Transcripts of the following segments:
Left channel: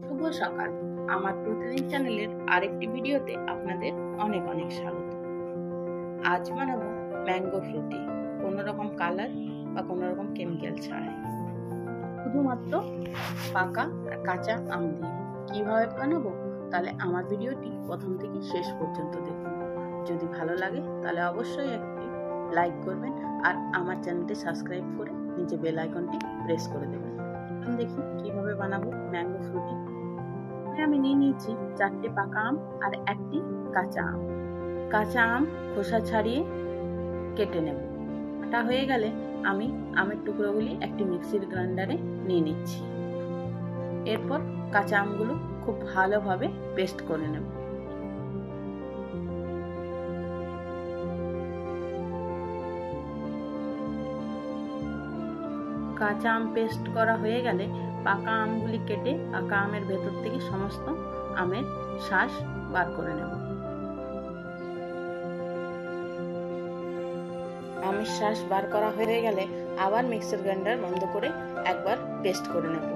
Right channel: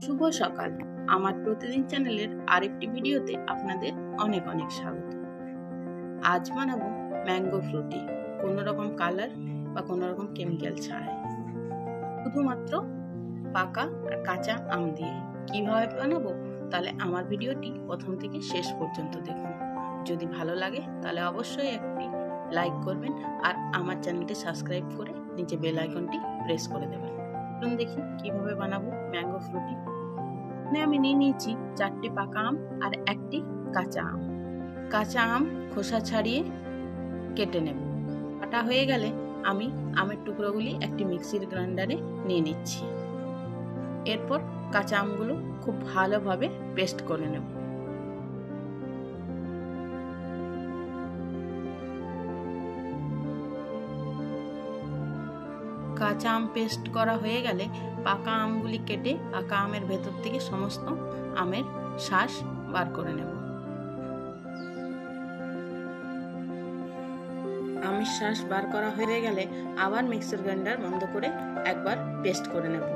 শুভ সকাল। আমার প্রতিদিন চ্যানেলের আরেকটি ভিডিওতে আপনাদের অনেক অনেক স্বাগত। আজ বানাবো ম্যাঙ্গো ফ্রুটি, কোনো রকম কালার বা কোনো রকম কেমিক্যাল ছাড়াই, শুধুমাত্র পাকা আর কাঁচা আম দিয়ে। কিভাবে বানাবো তাহলে আমার ভিডিওটি প্রথম থেকে শেষ পর্যন্ত দেখুন। যদি ভালো লাগে তাহলে অবশ্যই একটি লাইক করবেন আর আমার চ্যানেলটি সাবস্ক্রাইব করে নিচে বেল আইকনটি প্রেস করে দেবেন। চলুন দেখি কিভাবে বানাবো ম্যাঙ্গো ফ্রুটি। আমি নিয়ে নিয়েছি 4টি পাকা আম আর একটি কাঁচা আম। কাঁচা আম খোসা ছাড়িয়ে কেটে নেব। কাটা হয়ে গেলে আমি আমের টুকরোগুলি একটি মিক্সির গ্রাইন্ডারে নিয়ে নিচ্ছি। এরপর কাঁচা আমগুলো খুব ভালোভাবে পেস্ট করে নেব। কাঁচা আম পেস্ট করা হয়ে গেলে পাকা আমগুলি কেটে পাকা আমের ভেতর থেকে সমস্ত আমের শাঁস বার করে নেব। আমের শাঁস বার করা হয়ে গেলে আবার মিক্সার গ্রাইন্ডার বন্ধ করে একবার পেস্ট করে নেব।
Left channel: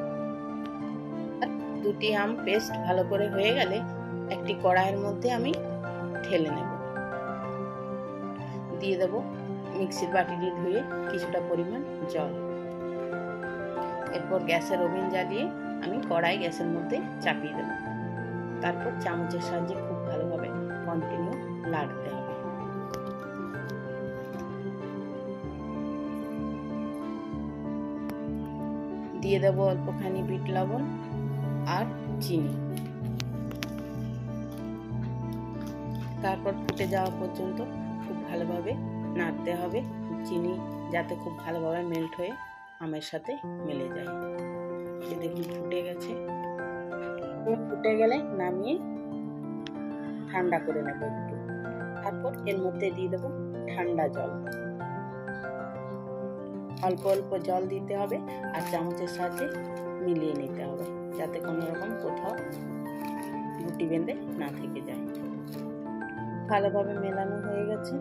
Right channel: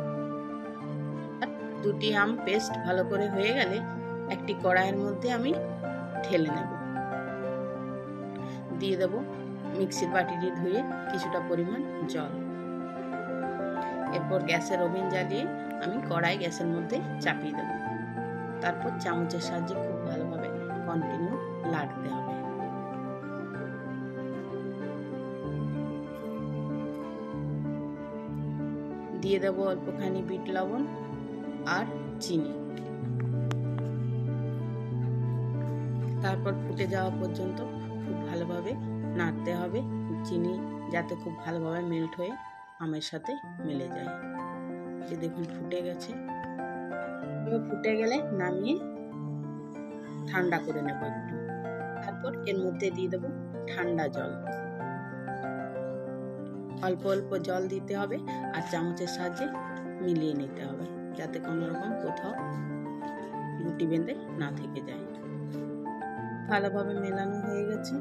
দুটি আম পেস্ট ভালো করে হয়ে গেলে একটি কড়াইয়ের মধ্যে আমি ঢেলে নেব। দিয়ে দেব মিক্সির বাটিটি ধুয়ে কিছুটা পরিমাণ জল। এরপর গ্যাসের ওভেন জ্বালিয়ে আমি কড়াই গ্যাসের মধ্যে চাপিয়ে দেব। তারপর চামচের সাহায্যে খুব ভালোভাবে কন্টিনিউ নাড়তে হবে। দিয়ে দেব অল্পখানি বিট লবণ আর চিনি। তারপর ফুটে যাওয়া পর্যন্ত খুব ভালোভাবে নাড়তে হবে, চিনি যাতে খুব ভালোভাবে মেল্ট হয়ে আমের সাথে মিলে যায়। এই দেখুন ফুটে গেছে। ফুটে গেলে নামিয়ে ঠান্ডা করে নেব একটু। তারপর এর মধ্যে দিয়ে দেব ঠান্ডা জল। অল্প অল্প জল দিতে হবে আর চামচের সাহায্যে মিলিয়ে নিতে হবে, যাতে কোনো রকম কোথাও গুটি বেঁধে না থেকে যায়। ভালোভাবে মেলানো হয়ে গেছে।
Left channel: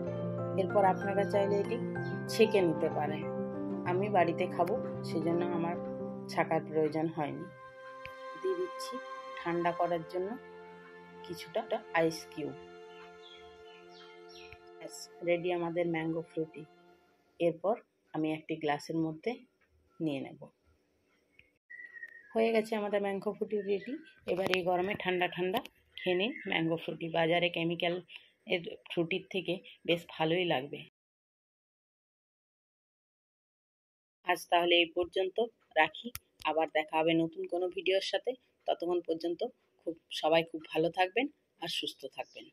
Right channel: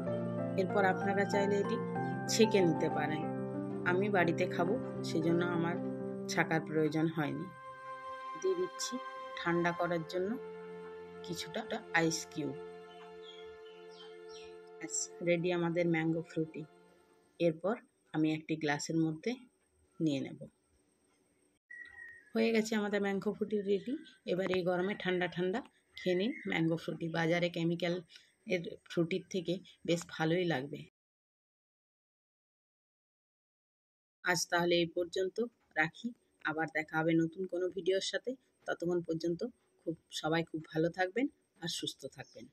এরপর আপনারা চাইলে এটি ছেঁকে নিতে পারেন। আমি বাড়িতে খাবো, সেজন্য আমার ছাকার প্রয়োজন হয়নি। দিয়ে দিচ্ছি ঠান্ডা করার জন্য কিছুটা আইস কিউব। রেডি আমাদের ম্যাঙ্গো ফ্রুটি। এরপর আমি একটি গ্লাসের মধ্যে নিয়ে নেব। হয়ে গেছে আমাদের ম্যাঙ্গো ফ্রুটি রেডি। এবার এই গরমে ঠান্ডা ঠান্ডা খেয়ে নিন ম্যাঙ্গো ফ্রুটি। বাজারে কেমিক্যাল এর ফ্রুটির থেকে বেশ ভালোই লাগবে। আজ তাহলে এই পর্যন্ত রাখি, আবার দেখা হবে নতুন কোনো ভিডিওর সাথে। ততক্ষণ পর্যন্ত সবাই খুব ভালো থাকবেন আর সুস্থ থাকবেন।